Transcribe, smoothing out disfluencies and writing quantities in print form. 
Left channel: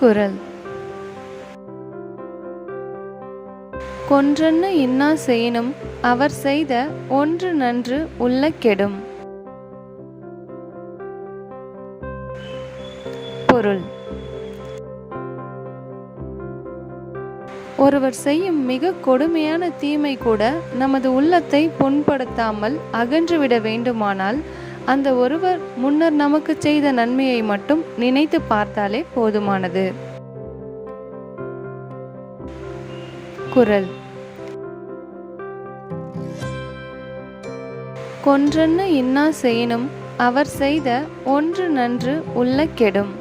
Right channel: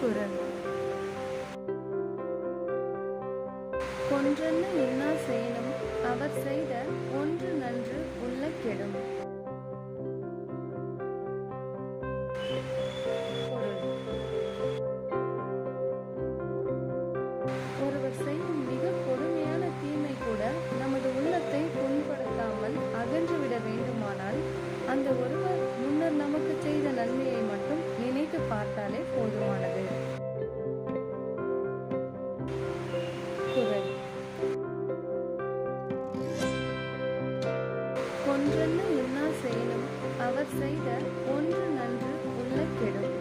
குறள். கொன்றன்ன இன்னா செய்யினும் அவர் செய்த ஒன்று நன்று உள்ள கெடும். பொருள். ஒருவர் செய்யும் மிக கொடுமையான தீமை கூட நமது உள்ளத்தை புண்படுத்தாமல் அகன்றுவிட வேண்டுமானால் அந்த ஒருவர் முன்னர் நமக்கு செய்த நன்மையை மட்டும் நினைத்து பார்த்தாலே போதுமானது. குறள். கொன்றன்ன இன்னா செய்யினும் அவர் செய்த ஒன்று நன்று உள்ள கெடும்.